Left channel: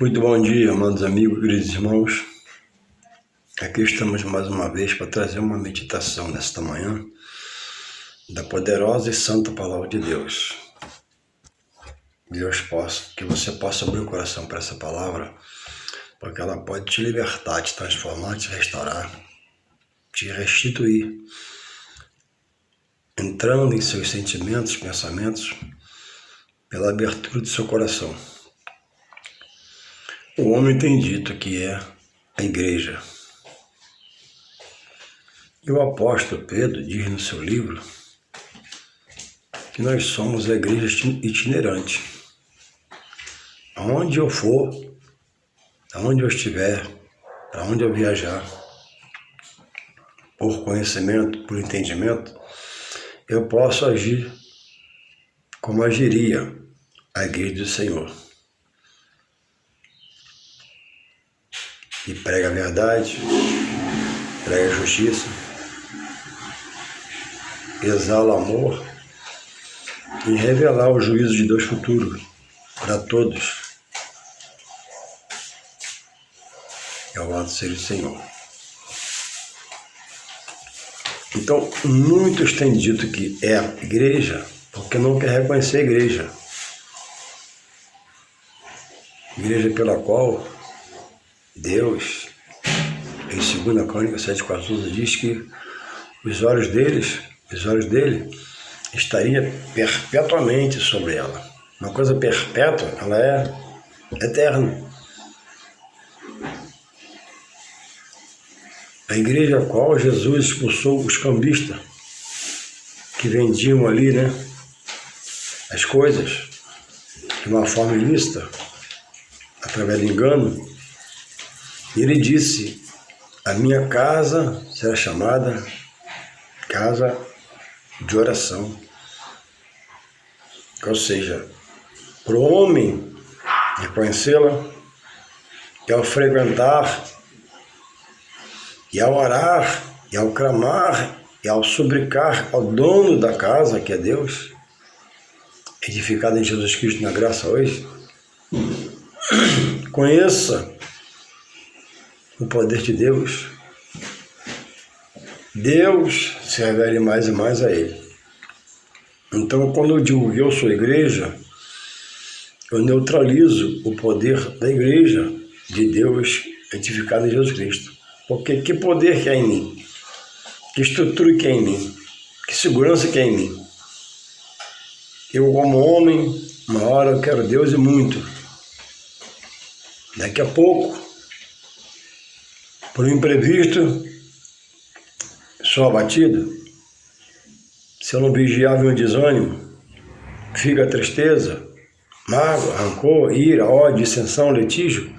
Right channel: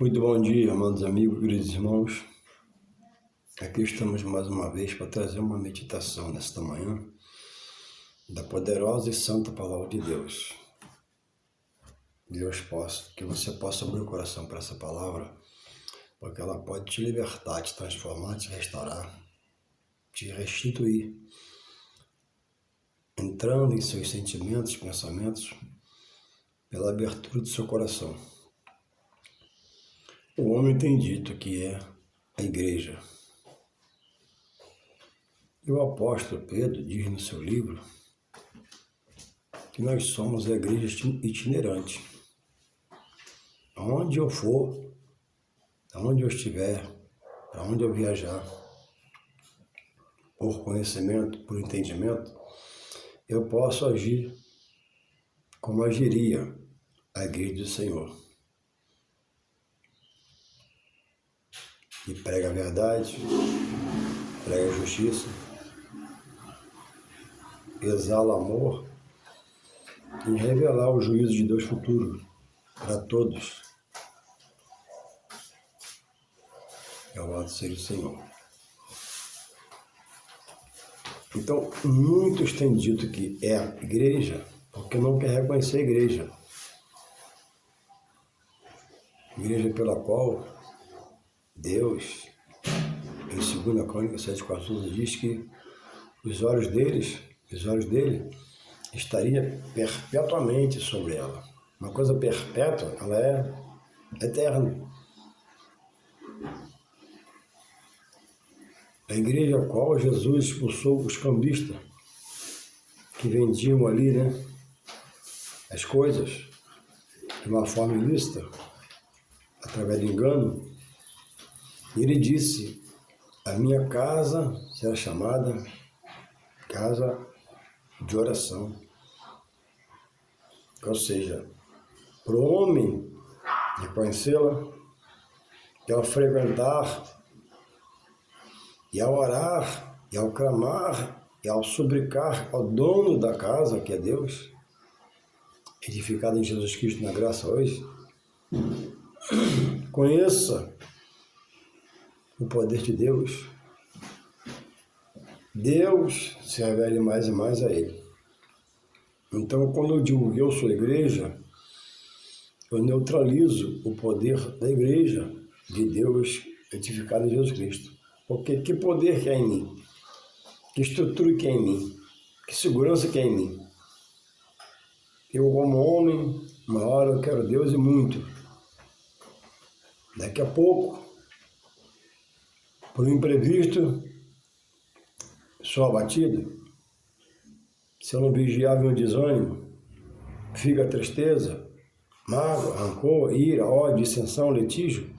Muito bom dia, amados amigos, queridos irmãos. Aqui estamos mais uma vez para trazer uma meditação nesta manhã da poderosa e santa palavra de Deus. Que você possa abrir o coração para essa palavra, porque ela pode te libertar, te transformar, te restaurar, te restituir, entrando em seus sentimentos, pensamentos, pela abertura do seu coração. O homem tem dito que é a igreja. E o apóstolo Pedro diz no seu livro que nós somos a igreja itinerante. Aonde eu for, aonde eu estiver, aonde eu viajar, por conhecimento, por entendimento, eu posso agir como agiria a igreja do Senhor. E prega a verdade, prega a justiça, exala o amor e revelar o juízo de Deus futuro para todos. Louvado seja o Senhor. Então, muitos têm dito que é a igreja porque não quer reconhecer a igreja. Igreja pela qual Deus, em 2 Crônicas 7,14, diz que os olhos dele estaria perpetuamente sobre ela. Uma coisa perpétua, ela é eterna. A igreja a qual Jesus expulsou os cambistas que vendiam ali, as coisas de uma forma ilícita, através do engano. E ele disse: a minha casa será chamada casa de oração. Ou seja, para o homem reconhecê-la, e ao frequentar, e ao orar, e ao clamar, e ao suplicar ao dono da casa, que é Deus, edificado em Jesus Cristo na graça hoje, conheça o poder de Deus. Deus se revele mais e mais a ele. Então, quando eu digo que eu sou igreja, eu neutralizo o poder da igreja de Deus edificada em Jesus Cristo. Porque que poder que há em mim? Que estrutura que há em mim? Que segurança que há em mim? Eu, como homem, uma hora eu quero Deus e muito. Daqui a pouco, por um imprevisto, sou abatido. Se eu não vigiar, vem o desânimo, fica a tristeza, mágoa, rancor, ira, ódio, dissensão, litígio.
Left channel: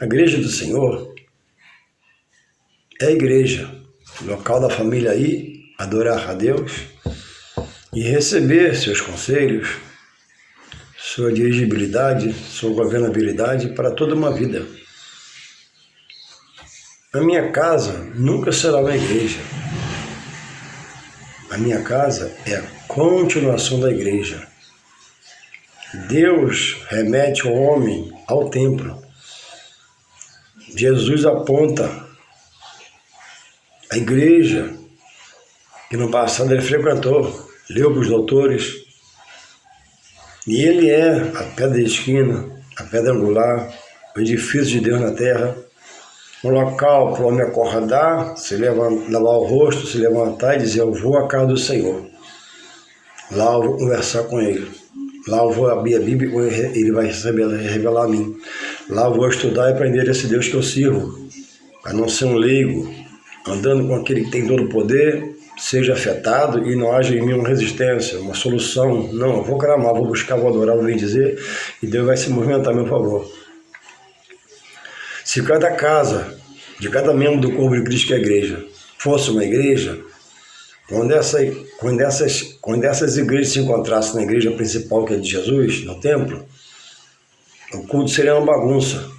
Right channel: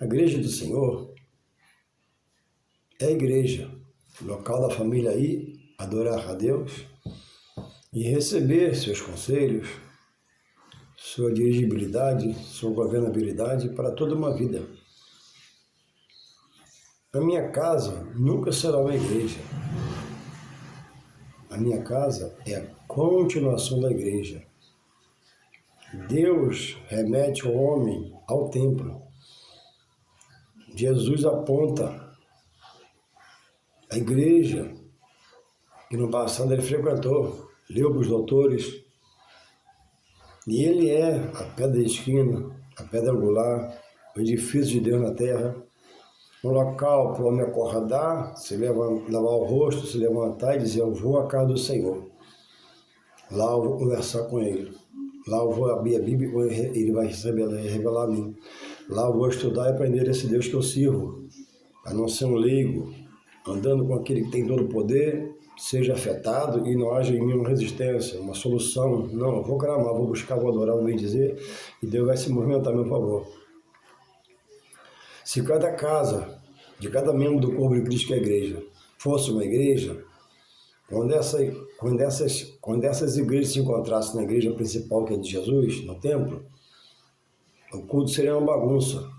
A igreja do Senhor é a igreja, local da família aí, adorar a Deus e receber seus conselhos, sua dirigibilidade, sua governabilidade para toda uma vida. A minha casa nunca será uma igreja. A minha casa é a continuação da igreja. Deus remete o homem ao templo. Jesus aponta a igreja que no passado ele frequentou, leu para os doutores. E ele é a pedra de esquina, a pedra angular, o edifício de Deus na terra. Um local para o homem acordar, lavar o rosto, se levantar e dizer: eu vou à casa do Senhor. Lá eu vou conversar com ele. Lá eu vou abrir a Bíblia e ele vai revelar a mim. Lá eu vou estudar e aprender esse Deus que eu sirvo. Para não ser um leigo, andando com aquele que tem todo o poder, seja afetado e não haja em mim uma resistência, uma solução. Não, eu vou clamar, vou buscar, vou adorar, vou bendizer e Deus vai se movimentar a meu favor. Se cada casa, de cada membro do corpo de Cristo, que é a igreja, fosse uma igreja, quando essas igrejas se encontrassem na igreja principal, que é de Jesus, no templo, o culto seria uma bagunça.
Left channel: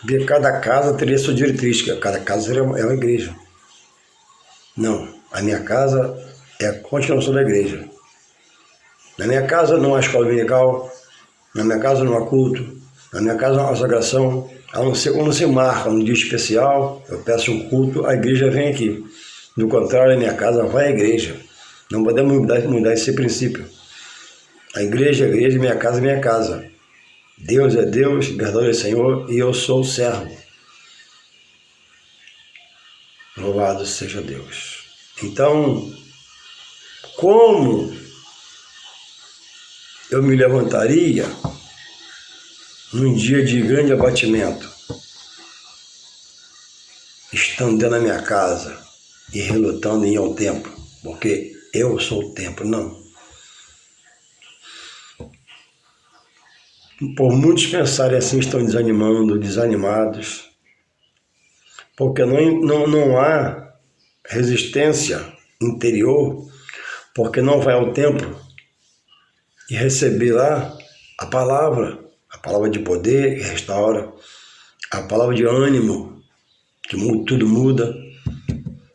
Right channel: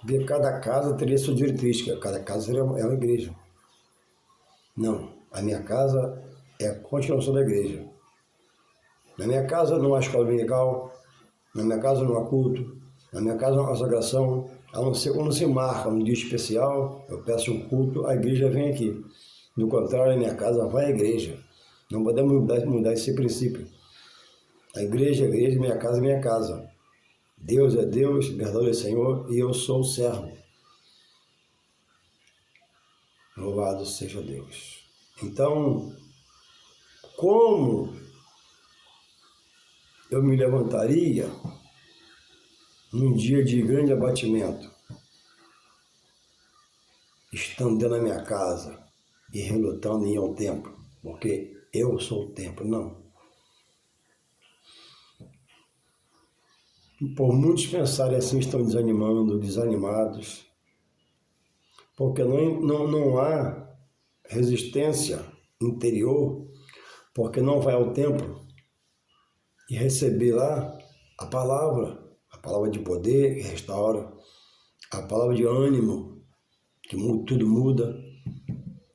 Porque cada casa teria sua diretriz, cada casa seria uma igreja. Não, a minha casa é a continuação da igreja. Na minha casa não há escola dominical, na minha casa não há culto, Na minha casa, a consagração, quando se marca um dia especial, eu peço um culto, a igreja vem aqui. Do contrário, a minha casa vai à igreja. Não podemos mudar esse princípio. A igreja é igreja, minha casa é minha casa. Deus é Deus, libertador é Senhor, e eu sou o servo. Louvado seja Deus. Então, como eu me levantaria num dia de grande abatimento, estando dentro da minha casa e relutando em ir ao templo, porque eu sou o templo? Não. Por muitos pensarem assim, estão desanimando, desanimados, porque não há resistência interior, porque não vai ao templo e receber lá a palavra de poder que restaura, a palavra de ânimo, que tudo muda,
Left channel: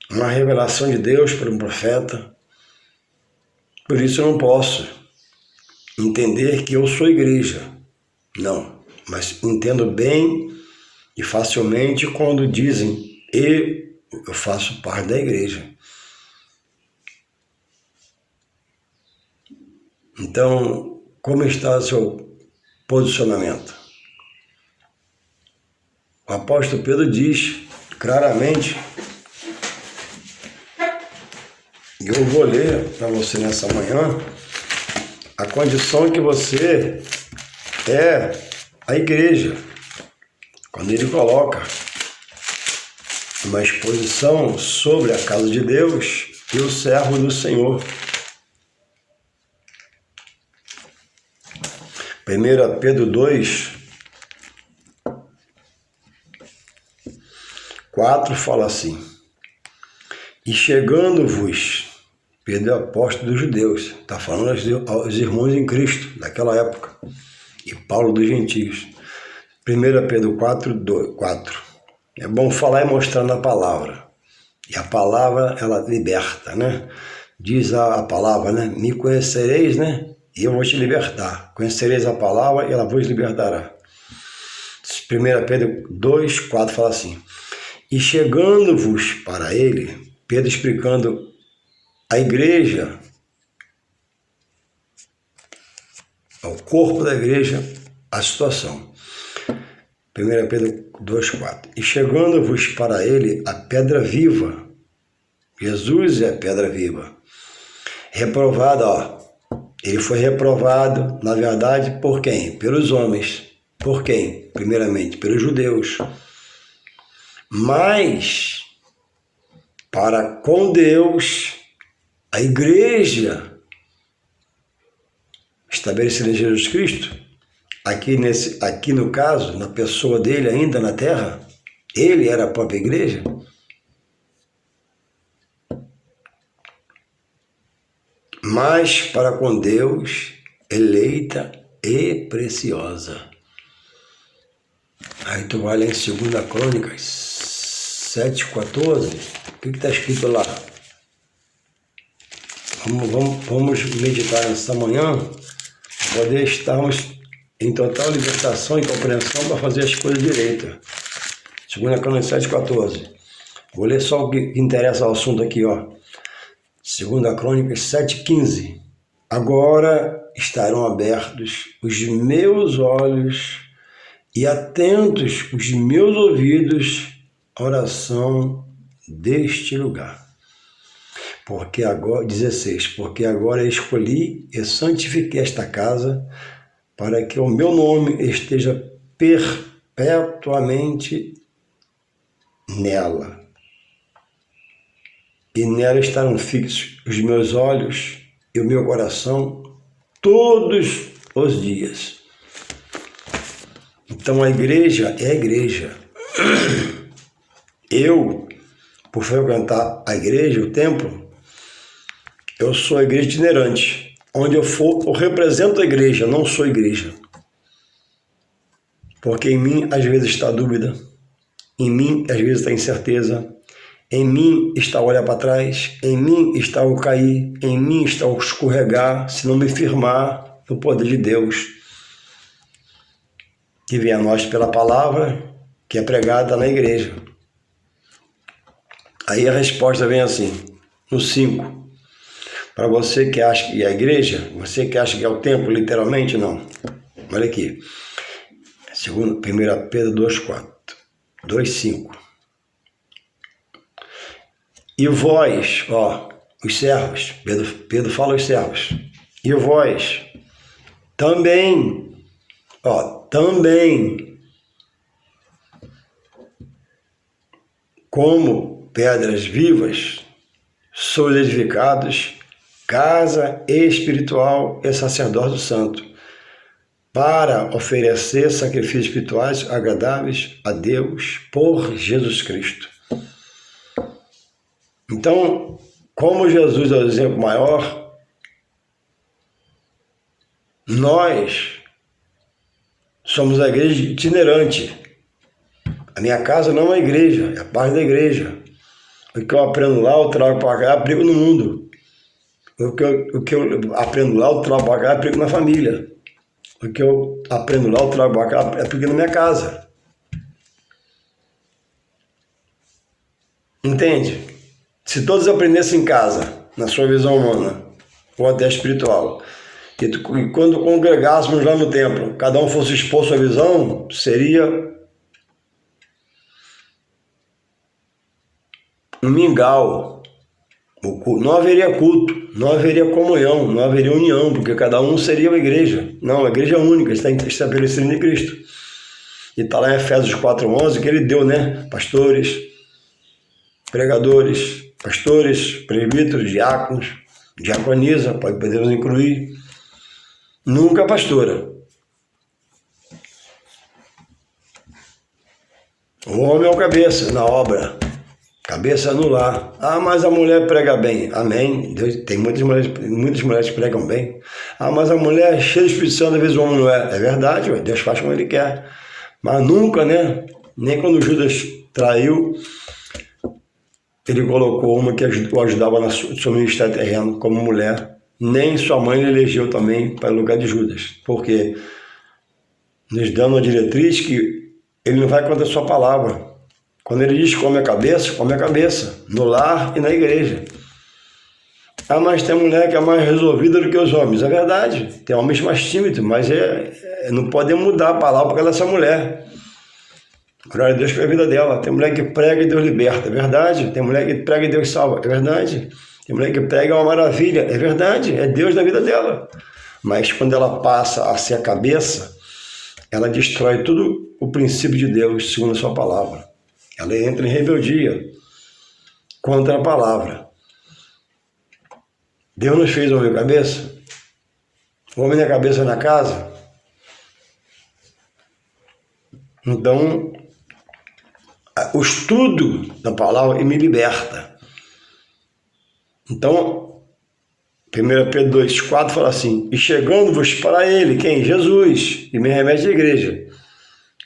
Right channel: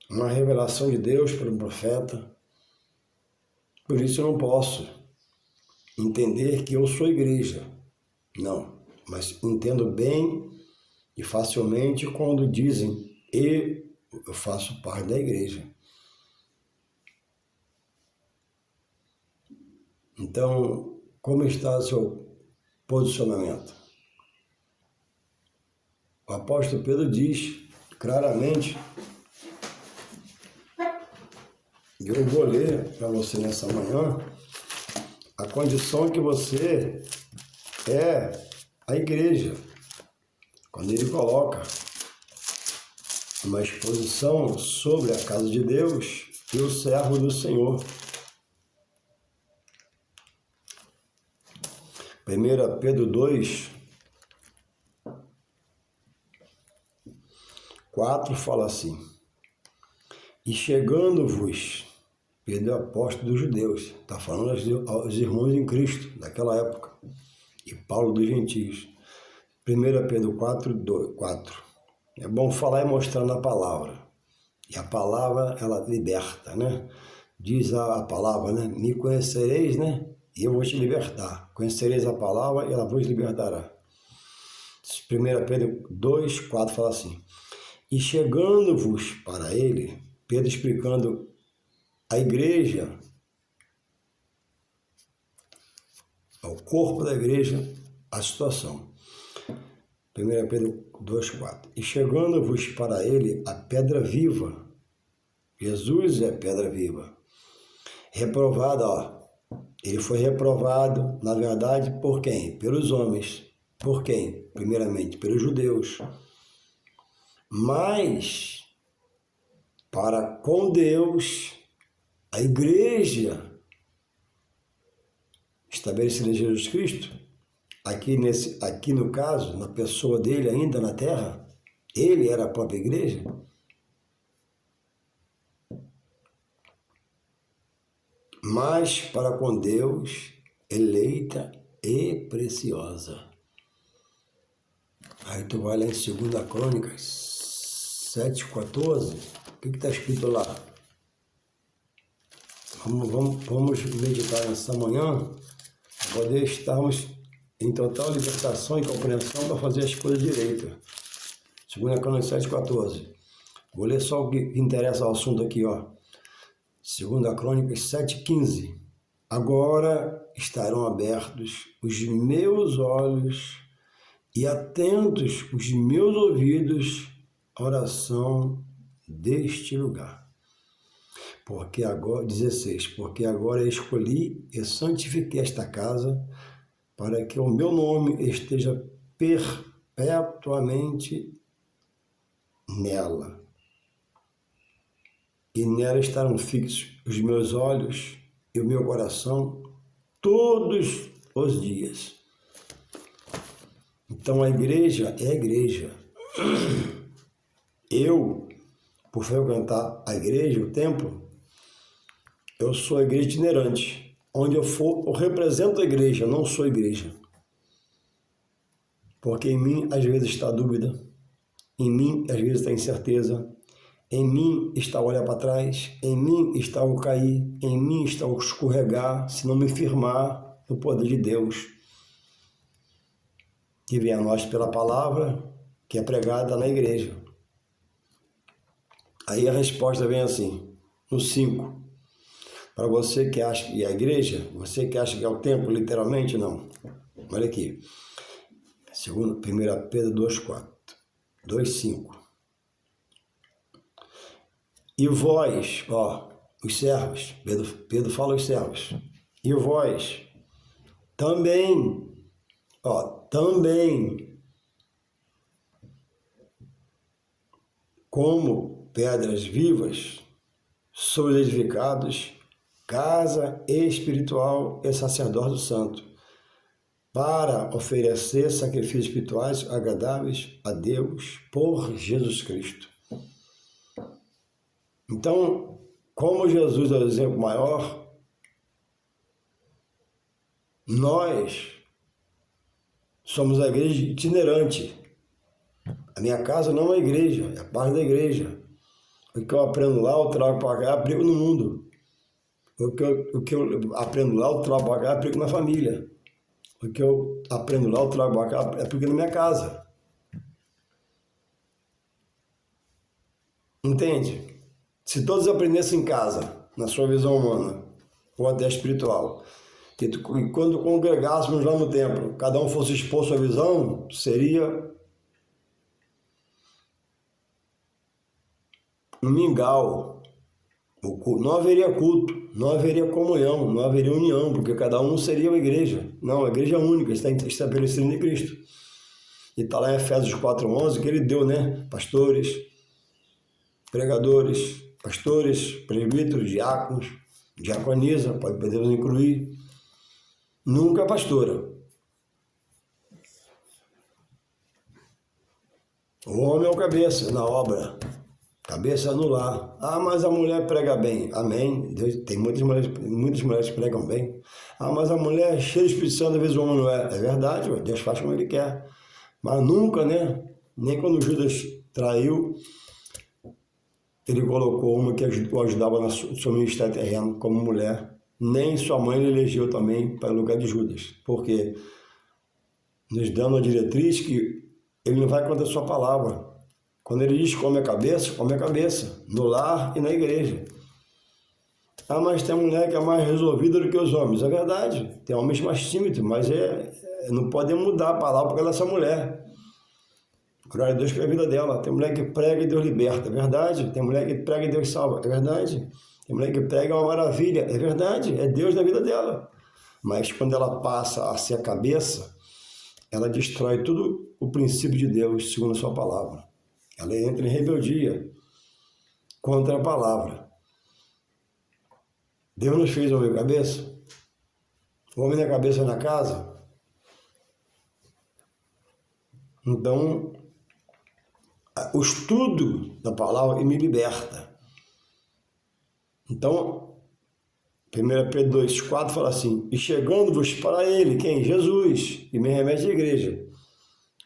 uma revelação de Deus por um profeta. Por isso eu não posso entender que eu sou igreja. Não, mas entendo bem e facilmente quando dizem eu faço parte da igreja. Então, como está o seu posicionamento? O apóstolo Pedro diz claramente, e eu vou ler para você nessa manhã, a condição que você é a igreja. Quando ele coloca uma exposição sobre a casa de Deus e o servo do Senhor. 1 Pedro 2, 4 fala assim: e chegando-vos, Pedro é apóstolo dos judeus, está falando aos irmãos em Cristo daquela época, e Paulo dos gentios. 1 Pedro 4. É bom falar e mostrar na palavra. E a palavra, ela liberta, né? Diz a palavra, né? Me conhecereis, né? E eu vou te libertar. Conhecereis a palavra e ela vos libertará. 1 Pedro 2, 4 fala assim: e chegando-vos para ele, Pedro explicando a igreja, ao corpo da igreja, a situação. 1 Pedro 2, 4. E chegando-vos para ele a pedra viva, Jesus é a pedra viva, reprovada, ele foi reprovado, na verdade, por quem? Pelos homens. Por quem? Primeiramente, pelos judeus. Mas, para com Deus, a igreja estabelecida em Jesus Cristo, aqui no caso, na pessoa dele ainda na terra, ele era a própria igreja. Mas para com Deus, eleita e preciosa. Aí tu vai ler em 2 Crônicas 7,14. O que está escrito lá? Vamos meditar nessa manhã, poder estarmos em total libertação e compreensão para fazer as coisas direitas. 2 Crônicas 7,14. Vou ler só o que interessa ao assunto aqui, ó. 2 Crônicas 7,15. Agora estarão abertos os meus olhos e atentos os meus ouvidos à oração deste lugar. Porque agora, 16, porque agora escolhi e santifiquei esta casa para que o meu nome esteja perpetuamente nela. E nela estarão fixos os meus olhos e o meu coração todos os dias. Então a igreja é a igreja. Eu, por frequentar a igreja, o templo, eu sou a igreja itinerante. Onde eu for, eu represento a igreja, não sou igreja. Porque em mim, às vezes, está a dúvida. Em mim, às vezes, está a incerteza. Em mim está o olhar para trás. Em mim está o cair. Em mim está o escorregar, se não me firmar no poder de Deus. que vem a nós pela palavra, que é pregada na igreja. Aí a resposta vem assim, no 5. Para você que acha que é a igreja, você que acha que é o templo, literalmente, não. Olha aqui. 1 Pedro 2,4. 2,5. E vós, os servos, Pedro fala aos servos, e vós também, como pedras vivas, sois edificados, casa espiritual e sacerdócio santo, para oferecer sacrifícios espirituais agradáveis a Deus por Jesus Cristo. Então, como Jesus é o exemplo maior, nós somos a igreja itinerante. A minha casa não é uma igreja, é parte da igreja. O que eu aprendo lá, eu trago para cá, aplico no mundo. O que eu aprendo lá, eu trago para cá, aplico na família. O que eu aprendo lá, eu trago para cá, aplico na minha casa. Entende? Se todos aprendessem em casa, na sua visão humana, ou até espiritual, e quando congregássemos lá no templo, cada um fosse expor sua visão, seria um mingau. Não haveria culto, não haveria comunhão, não haveria união, porque cada um seria uma igreja. Não, a igreja é única, está estabelecida em Cristo. E está lá em Efésios 4,11 que ele deu, pastores, pregadores, presbíteros, diáconos, diaconisa, podemos incluir. Nunca pastora. O homem é o cabeça na obra, cabeça no lar. Mas a mulher prega bem. Amém. Deus, tem muitas mulheres que pregam bem. Mas a mulher é cheia de Espírito Santo, às vezes o homem não é. É verdade, Deus faz como ele quer. Mas nunca, nem quando Judas traiu, ele colocou uma que o ajudava no seu ministério terreno como mulher. Nem sua mãe ele elegeu também para o lugar de Judas. Porque nos dando uma diretriz que ele não vai contra a sua palavra. Quando ele diz come a cabeça, no lar e na igreja. Mas tem mulher que é mais resolvida do que os homens. É verdade, tem homens mais tímidos, mas não podem mudar a palavra porque ela é essa mulher. Glória a Deus pela vida dela. Tem mulher que prega e Deus liberta, é verdade. Tem mulher que prega e Deus salva, é verdade. Tem mulher que prega é uma maravilha, é verdade, é Deus na vida dela. Mas quando ela passa a ser a cabeça, ela destrói todo o princípio de Deus, segundo a sua palavra. Ela entra em rebeldia contra a palavra. Deus nos fez homem cabeça? O homem é cabeça na casa? Então, o estudo da palavra me liberta. Então, 1 Pedro 2,4 fala assim, e chegando-vos para ele, quem? Jesus, e me remete à igreja,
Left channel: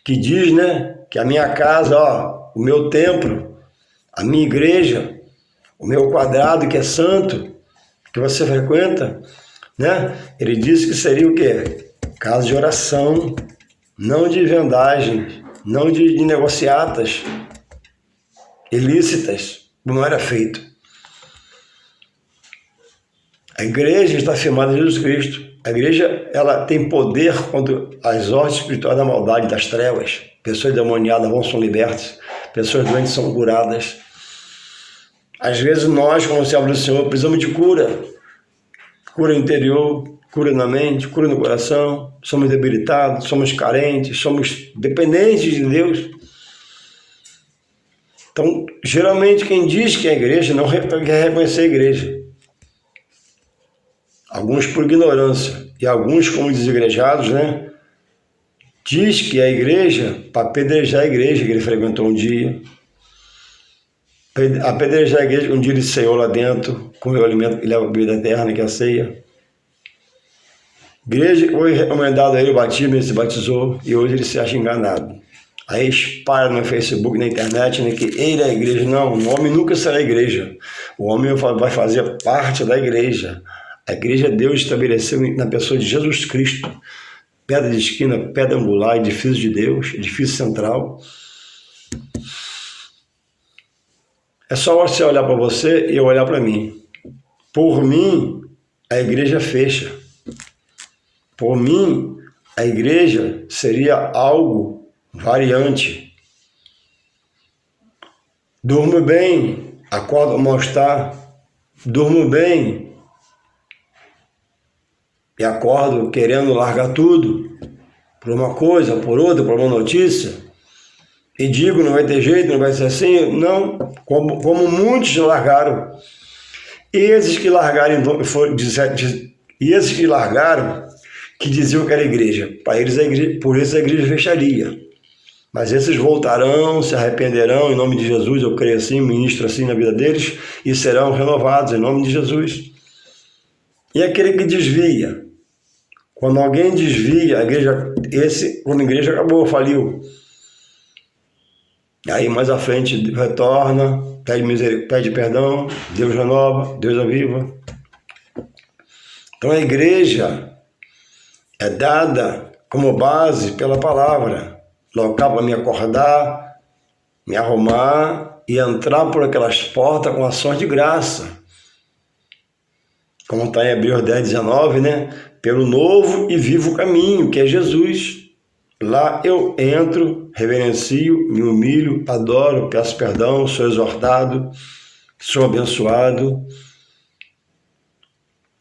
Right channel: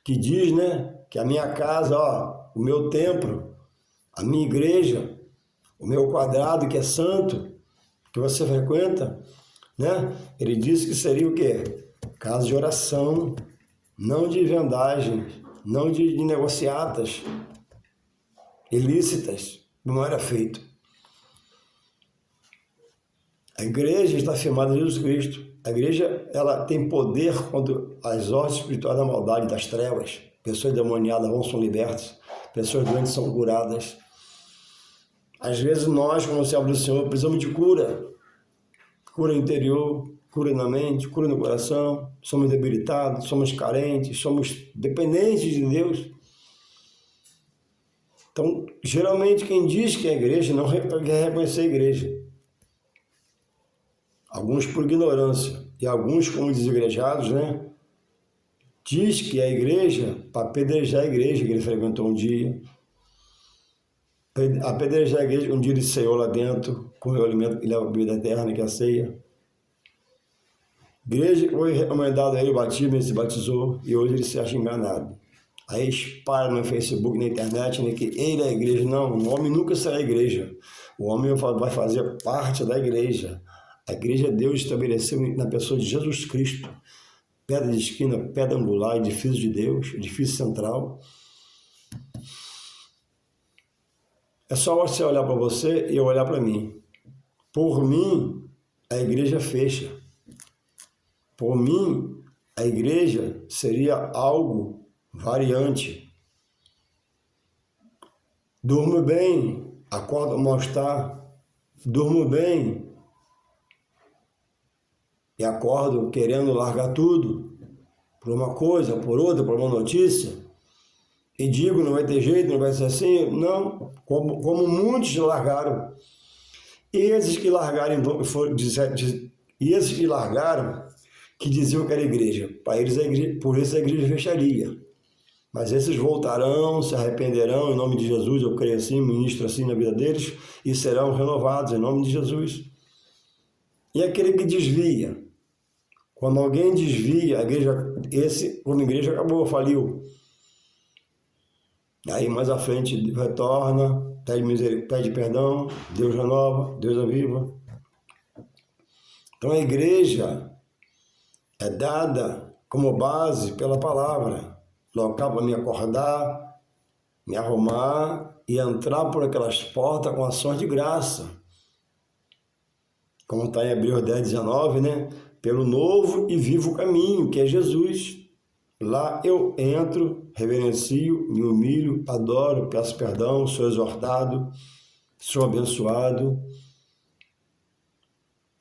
que diz, que a minha casa, o meu templo, a minha igreja, o meu quadrado que é santo, que você frequenta, ele disse que seria o quê? Casa de oração, não de vendagem, não de negociatas ilícitas, como era feito. A igreja está firmada em Jesus Cristo. A igreja ela tem poder contra as ordens espirituais da maldade, das trevas. Pessoas demoniadas são libertas, pessoas doentes são curadas. Às vezes nós, como servos do Senhor, precisamos de cura. Cura interior, cura na mente, cura no coração. Somos debilitados, somos carentes, somos dependentes de Deus. Então, geralmente quem diz que é igreja não quer reconhecer a igreja. Alguns por ignorância e alguns como desigrejados, diz que é a igreja para apedrejar a igreja que ele frequentou um dia. Apedrejar a igreja, um dia ele ceiou lá dentro, comeu o alimento e leva a bebida eterna, que é a ceia. Igreja foi recomendado a ele o batismo, ele se batizou e hoje ele se acha enganado. Aí espalha no Facebook, na internet, que ele é a igreja. Não, o homem nunca será a igreja. O homem vai fazer parte da igreja. A igreja Deus estabeleceu na pessoa de Jesus Cristo. pedra de esquina, pedra angular, edifício de Deus, edifício central. É só você olhar para você e eu olhar para mim. Por mim, a igreja fecha. Por mim, a igreja seria algo variante. Durmo bem, acordo mal-estar. Durmo bem e acordo querendo largar tudo por uma coisa, por outra, por uma notícia. E digo, não vai ter jeito, não vai ser assim. Não, como muitos largaram. E esses que largaram, que diziam que era igreja, para eles por isso a igreja fecharia. Mas esses voltarão, se arrependerão em nome de Jesus, eu creio assim, ministro assim na vida deles, e serão renovados em nome de Jesus. E aquele que desvia, quando alguém desvia, a igreja, quando a igreja acabou, faliu. Aí mais à frente retorna, pede perdão, Deus renova, Deus aviva. Então a igreja é dada como base pela palavra. Local para me acordar, me arrumar e entrar por aquelas portas com ações de graça. Como está em Hebreus 10, 19, né? Pelo novo e vivo caminho, que é Jesus. Lá eu entro, reverencio, me humilho, adoro, peço perdão, sou exortado, sou abençoado,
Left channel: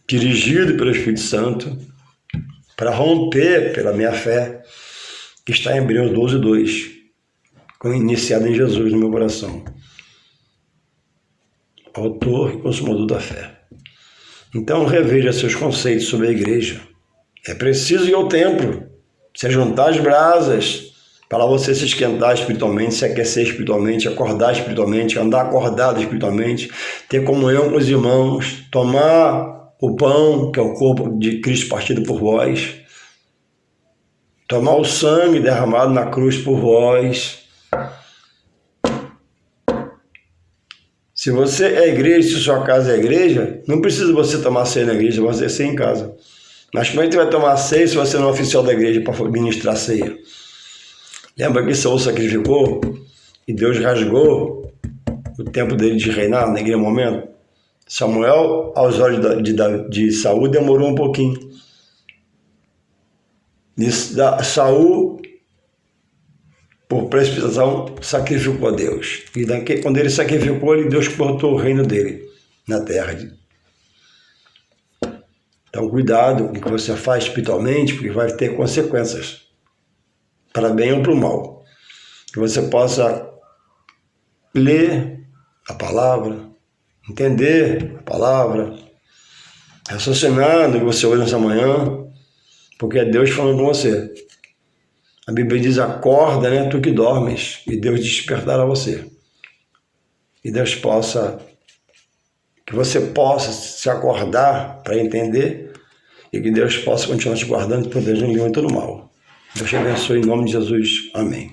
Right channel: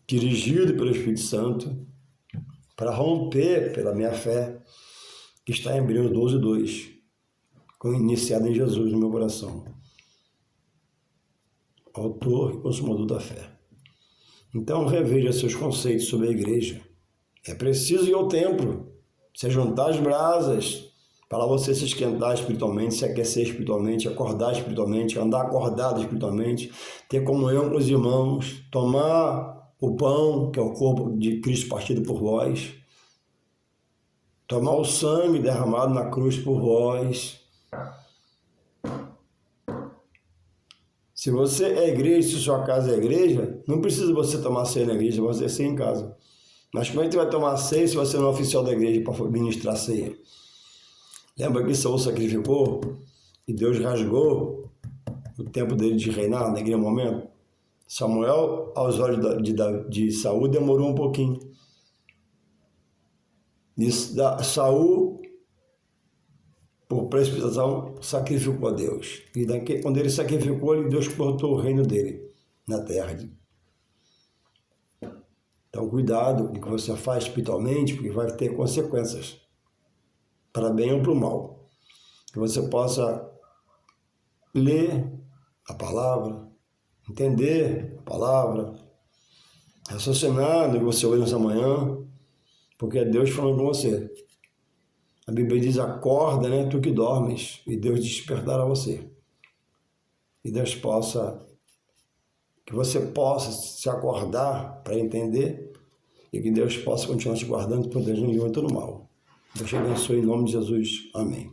dirigido pelo Espírito Santo, para romper pela minha fé, que está em Hebreus 12, 2, iniciado em Jesus no meu coração. Autor e consumador da fé. Então reveja seus conceitos sobre a igreja. É preciso ir ao templo, se juntar as brasas, para você se esquentar espiritualmente, se aquecer espiritualmente, acordar espiritualmente, andar acordado espiritualmente, ter comunhão com os irmãos, tomar o pão, que é o corpo de Cristo partido por vós, tomar o sangue derramado na cruz por vós. Se você é igreja, se sua casa é igreja, não precisa você tomar ceia na igreja, você ser em casa. Mas como é que você vai tomar ceia se você não é oficial da igreja para ministrar ceia? Lembra que Saul sacrificou e Deus rasgou o tempo dele de reinar naquele momento? Samuel, aos olhos de Saul, demorou um pouquinho. Saul, por precipitação, sacrificou a Deus. E quando ele sacrificou, Deus cortou o reino dele na terra. Então, cuidado com o que você faz espiritualmente, porque vai ter consequências, para bem ou para o mal. Que você possa ler a palavra, entender a palavra, raciocinar no que você ouve nessa manhã, porque é Deus falando com você. A Bíblia diz, acorda, né, tu que dormes, e Deus despertará você. E Deus que você possa se acordar para entender e que Deus possa continuar te guardando e protegendo em todo mal. Deus te abençoe em nome de Jesus. Amém.